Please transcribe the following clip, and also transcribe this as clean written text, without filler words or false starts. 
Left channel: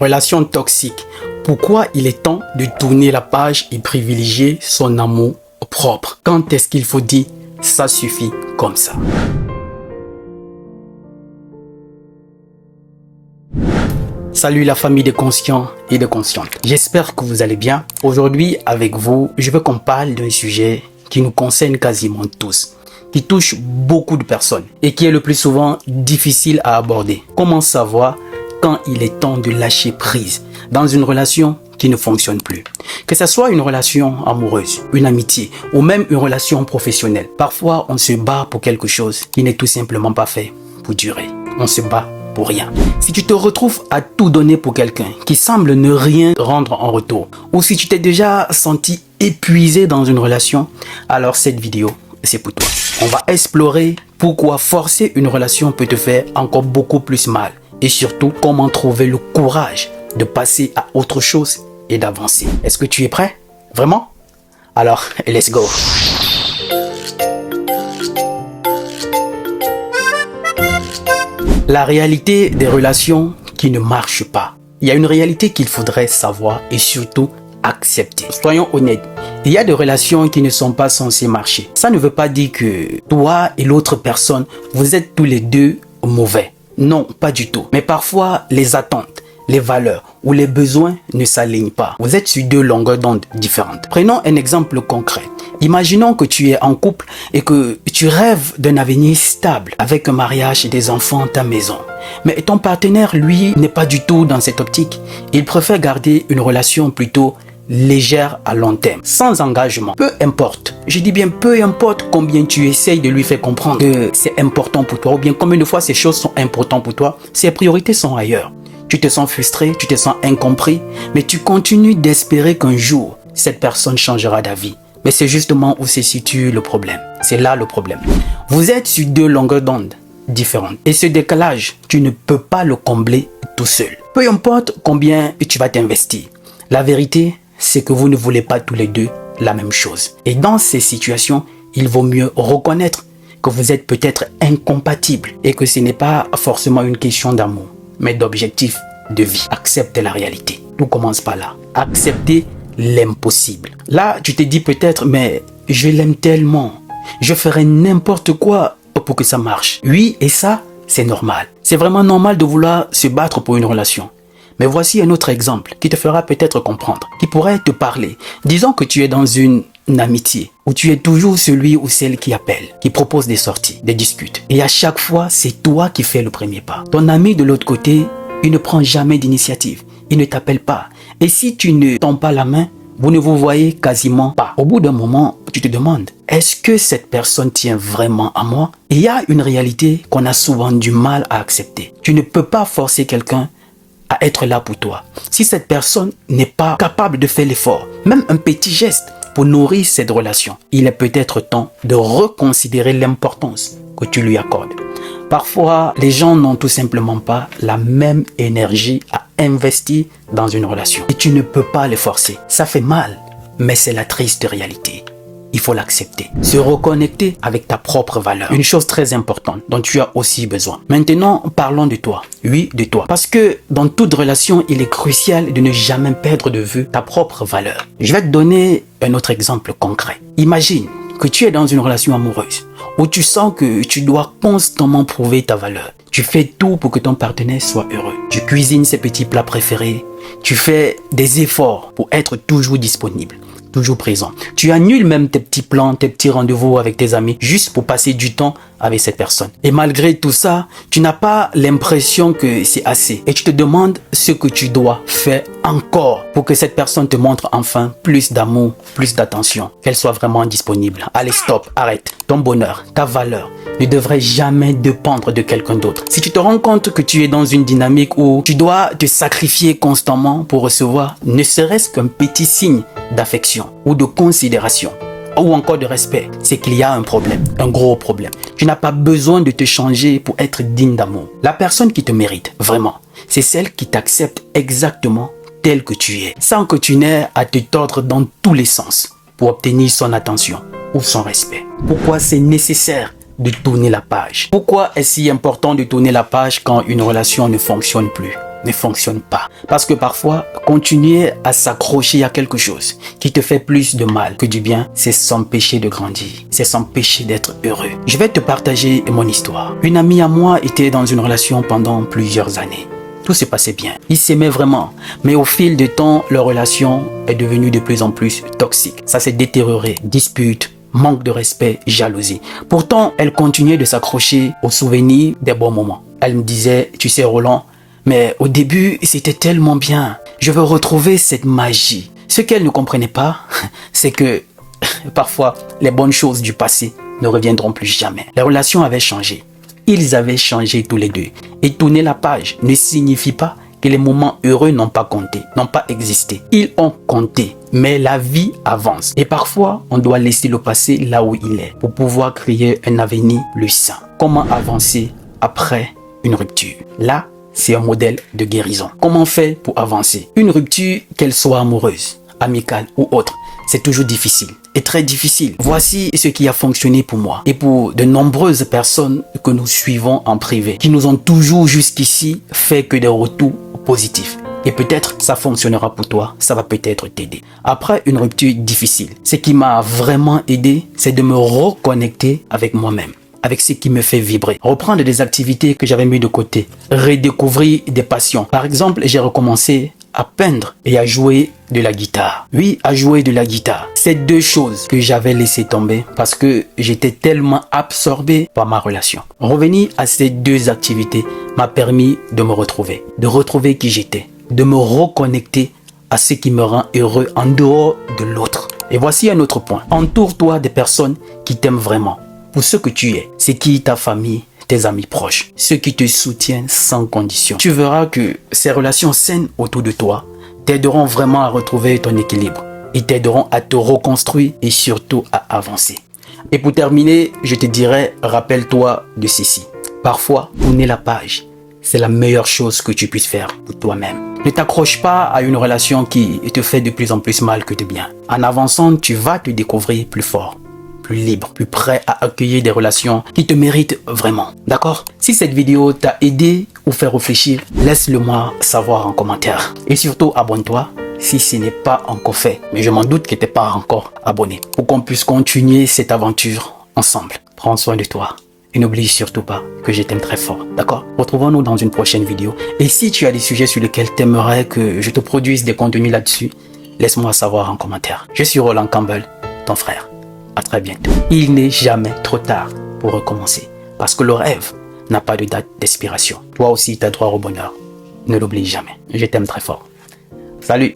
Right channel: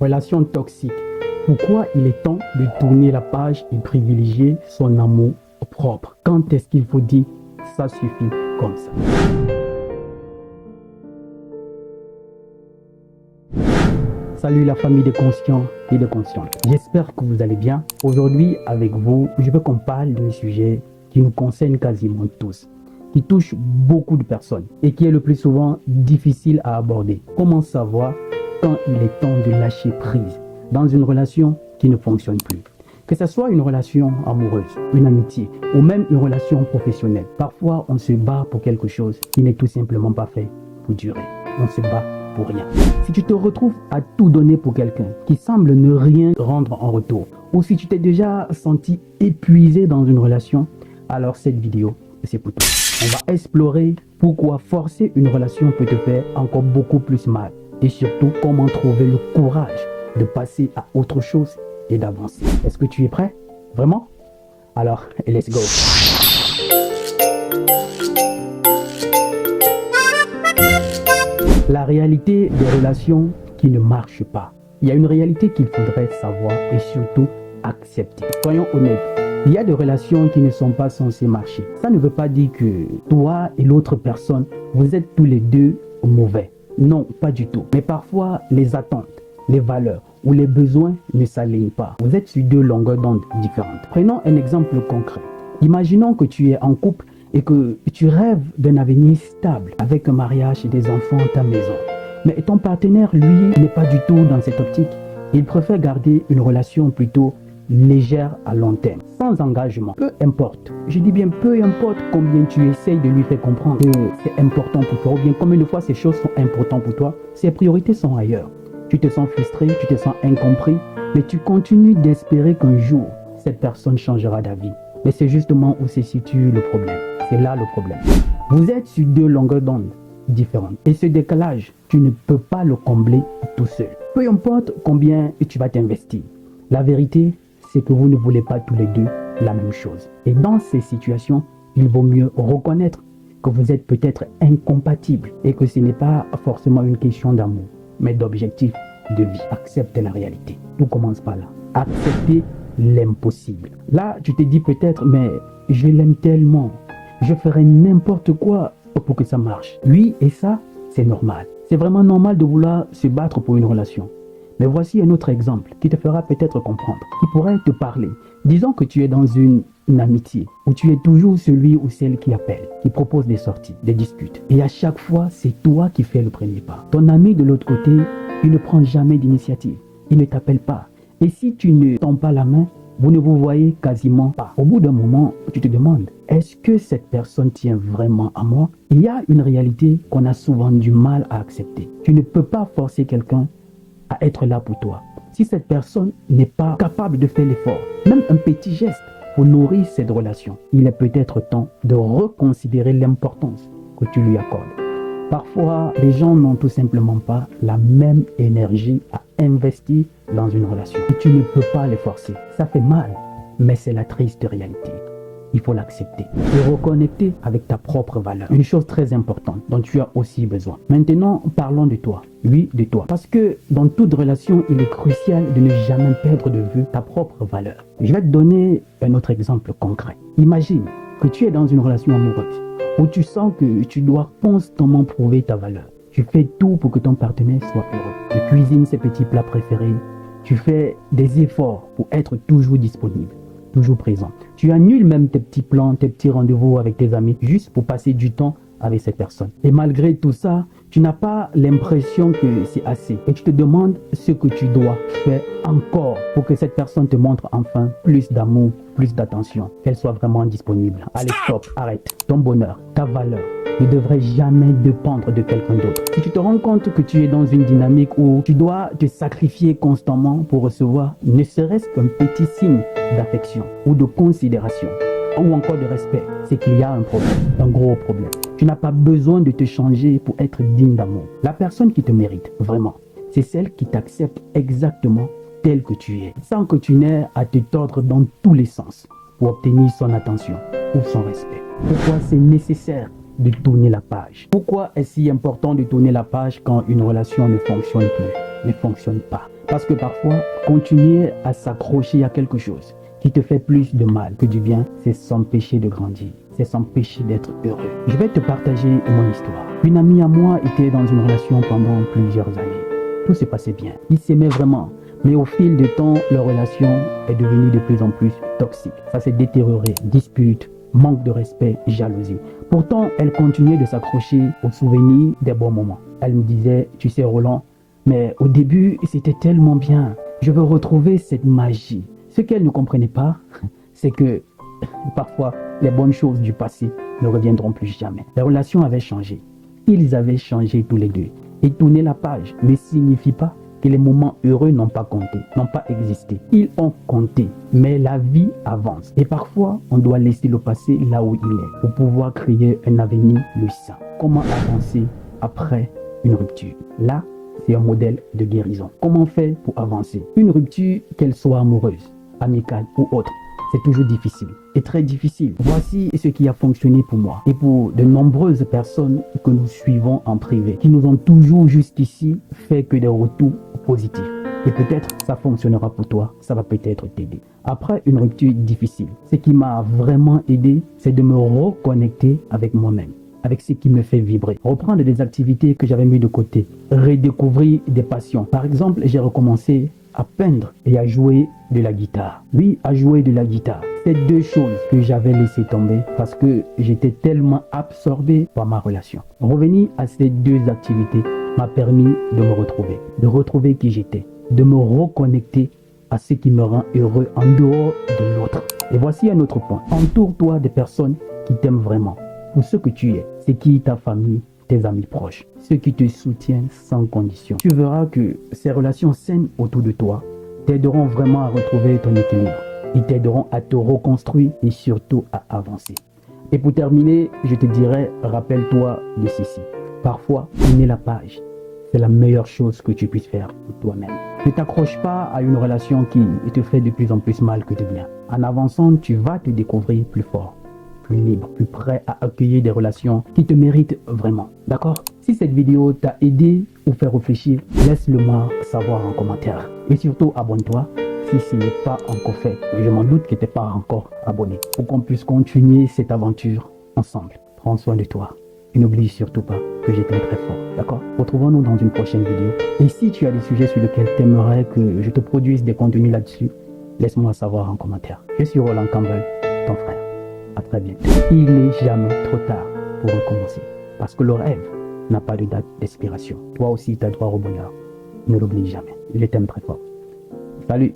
Relation toxique. Pourquoi il est temps de tourner la page et privilégier son amour propre? Quand est-ce qu'il faut dire ça suffit comme ça? Salut la famille des conscients et des conscientes. J'espère que vous allez bien. Aujourd'hui avec vous, je veux qu'on parle d'un sujet qui nous concerne quasiment tous, qui touche beaucoup de personnes et qui est le plus souvent difficile à aborder. Comment savoir quand il est temps de lâcher prise dans une relation qui ne fonctionne plus? Que ce soit une relation amoureuse, une amitié ou même une relation professionnelle. Parfois, on se bat pour quelque chose qui n'est tout simplement pas fait pour durer. On se bat pour rien. Si tu te retrouves à tout donner pour quelqu'un qui semble ne rien rendre en retour, ou si tu t'es déjà senti épuisé dans une relation, alors cette vidéo, c'est pour toi. On va explorer pourquoi forcer une relation peut te faire encore beaucoup plus mal. Et surtout, comment trouver le courage de passer à autre chose et d'avancer. Est-ce que tu es prêt? Vraiment? Alors, let's go! La réalité des relations qui ne marchent pas. Il y a une réalité qu'il faudrait savoir et surtout accepter. Soyons honnêtes. Il y a des relations qui ne sont pas censées marcher. Ça ne veut pas dire que toi et l'autre personne, vous êtes tous les deux mauvais. Non, pas du tout. Mais parfois, les attentes, les valeurs ou les besoins ne s'alignent pas. Vous êtes sur deux longueurs d'onde différentes. Prenons un exemple concret. Imaginons que tu es en couple et que tu rêves d'un avenir stable avec un mariage et des enfants, ta maison. Mais ton partenaire, lui, n'est pas du tout dans cette optique. Il préfère garder une relation plutôt légère à long terme, sans engagement. Peu importe, je dis bien peu importe combien tu essayes de lui faire comprendre que c'est important pour toi ou bien combien de fois ces choses sont importantes pour toi, ses priorités sont ailleurs. Tu te sens frustré, tu te sens incompris, mais tu continues d'espérer qu'un jour, cette personne changera d'avis. Mais c'est justement où se situe le problème. C'est là le problème. Vous êtes sur deux longueurs d'onde différentes. Et ce décalage, tu ne peux pas le combler tout seul. Peu importe combien tu vas t'investir. La vérité, c'est que vous ne voulez pas tous les deux la même chose. Et dans ces situations, il vaut mieux reconnaître que vous êtes peut-être incompatibles et que ce n'est pas forcément une question d'amour, mais d'objectif de vie. Acceptez la réalité. Tout commence par là. Acceptez l'impossible. Là, tu te dis peut-être, mais je l'aime tellement. Je ferai n'importe quoi pour que ça marche. Oui, et ça, c'est normal. C'est vraiment normal de vouloir se battre pour une relation. Mais voici un autre exemple qui te fera peut-être comprendre, qui pourrait te parler. Disons que tu es dans une amitié où tu es toujours celui ou celle qui appelle, qui propose des sorties, des discutes. Et à chaque fois, c'est toi qui fais le premier pas. Ton ami de l'autre côté, il ne prend jamais d'initiative. Il ne t'appelle pas. Et si tu ne tends pas la main, vous ne vous voyez quasiment pas. Au bout d'un moment, tu te demandes, est-ce que cette personne tient vraiment à moi? Et il y a une réalité qu'on a souvent du mal à accepter. Tu ne peux pas forcer quelqu'un à être là pour toi. Si cette personne n'est pas capable de faire l'effort, même un petit geste pour nourrir cette relation, il est peut-être temps de reconsidérer l'importance que tu lui accordes. Parfois, les gens n'ont tout simplement pas la même énergie à investir dans une relation. Et tu ne peux pas les forcer. Ça fait mal, mais c'est la triste réalité. Il faut l'accepter. Se reconnecter avec ta propre valeur. Une chose très importante dont tu as aussi besoin. Maintenant, parlons de toi. Oui, de toi. Parce que dans toute relation, il est crucial de ne jamais perdre de vue ta propre valeur. Je vais te donner un autre exemple concret. Imagine que tu es dans une relation amoureuse où tu sens que tu dois constamment prouver ta valeur. Tu fais tout pour que ton partenaire soit heureux. Tu cuisines ses petits plats préférés. Tu fais des efforts pour être toujours disponible, toujours présent. Tu annules même tes petits plans, tes petits rendez-vous avec tes amis juste pour passer du temps avec cette personne. Et malgré tout ça, tu n'as pas l'impression que c'est assez. Et tu te demandes ce que tu dois faire encore pour que cette personne te montre enfin plus d'amour, plus d'attention, qu'elle soit vraiment disponible. Allez, stop, arrête. Ton bonheur, ta valeur ne devrait jamais dépendre de quelqu'un d'autre. Si tu te rends compte que tu es dans une dynamique où tu dois te sacrifier constamment pour recevoir ne serait-ce qu'un petit signe d'affection ou de considération, ou encore de respect, c'est qu'il y a un problème, un gros problème. Tu n'as pas besoin de te changer pour être digne d'amour. La personne qui te mérite, vraiment, c'est celle qui t'accepte exactement tel que tu es, sans que tu n'aies à te tordre dans tous les sens pour obtenir son attention ou son respect. Pourquoi c'est nécessaire de tourner la page? Pourquoi est-ce si important de tourner la page quand une relation ne fonctionne plus? ne fonctionne pas. Parce que parfois, continuer à s'accrocher à quelque chose qui te fait plus de mal que du bien, c'est s'empêcher de grandir, c'est s'empêcher d'être heureux. Je vais te partager mon histoire. Une amie à moi était dans une relation pendant plusieurs années. Tout se passait bien. Ils s'aimaient vraiment. Mais au fil du temps, leur relation est devenue de plus en plus toxique. Ça s'est détérioré. Disputes, manque de respect, jalousie. Pourtant, elle continuait de s'accrocher aux souvenirs des bons moments. Elle me disait, tu sais Roland, mais au début, c'était tellement bien. Je veux retrouver cette magie. Ce qu'elle ne comprenait pas, c'est que parfois, les bonnes choses du passé ne reviendront plus jamais. Les relations avaient changé. Ils avaient changé tous les deux. Et tourner la page ne signifie pas que les moments heureux n'ont pas compté, n'ont pas existé. Ils ont compté, mais la vie avance. Et parfois, on doit laisser le passé là où il est pour pouvoir créer un avenir plus sain. Comment avancer après une rupture? Là, c'est un modèle de guérison. Comment faire pour avancer? Une rupture, qu'elle soit amoureuse, amicale ou autre, c'est toujours difficile et très difficile. Voici ce qui a fonctionné pour moi et pour de nombreuses personnes que nous suivons en privé, qui nous ont toujours jusqu'ici fait que des retours positifs. Et peut-être ça fonctionnera pour toi, ça va peut-être t'aider. Après une rupture difficile, ce qui m'a vraiment aidé, c'est de me reconnecter avec moi-même, avec ce qui me fait vibrer. Reprendre des activités que j'avais mis de côté, redécouvrir des passions. Par exemple, j'ai recommencé à peindre et à jouer de la guitare. Oui, à jouer de la guitare. C'est deux choses que j'avais laissé tomber parce que j'étais tellement absorbé par ma relation. Revenir à ces deux activités m'a permis de me retrouver, de retrouver qui j'étais, de me reconnecter à ce qui me rend heureux en dehors de l'autre. Et voici un autre point. Entoure-toi des personnes qui t'aiment vraiment pour ce que tu es. C'est qui ta famille, tes amis proches, ceux qui te soutiennent sans condition. Tu verras que ces relations saines autour de toi t'aideront vraiment à retrouver ton équilibre. Ils t'aideront à te reconstruire et surtout à avancer. Et pour terminer, je te dirais, rappelle-toi de ceci. Parfois, tourner la page, c'est la meilleure chose que tu puisses faire pour toi-même. Ne t'accroche pas à une relation qui te fait de plus en plus mal que de bien. En avançant, tu vas te découvrir plus fort, plus libre, plus prêt à accueillir des relations qui te méritent vraiment. D'accord? Si cette vidéo t'a aidé ou fait réfléchir, laisse-le moi savoir en commentaire. Et surtout, abonne-toi si ce n'est pas encore fait. Mais je m'en doute que tu n'es pas encore abonné. Pour qu'on puisse continuer cette aventure ensemble. Prends soin de toi. Et n'oublie surtout pas que je t'aime très fort. D'accord? Retrouvons-nous dans une prochaine vidéo. Et si tu as des sujets sur lesquels tu aimerais que je te produise des contenus là-dessus, laisse-moi savoir en commentaire. Je suis Roland Campbell, ton frère. À très bientôt. Il n'est jamais trop tard pour recommencer. Parce que le rêve n'a pas de date d'expiration. Toi aussi, tu as droit au bonheur. Ne l'oublie jamais. Je t'aime très fort. Salut!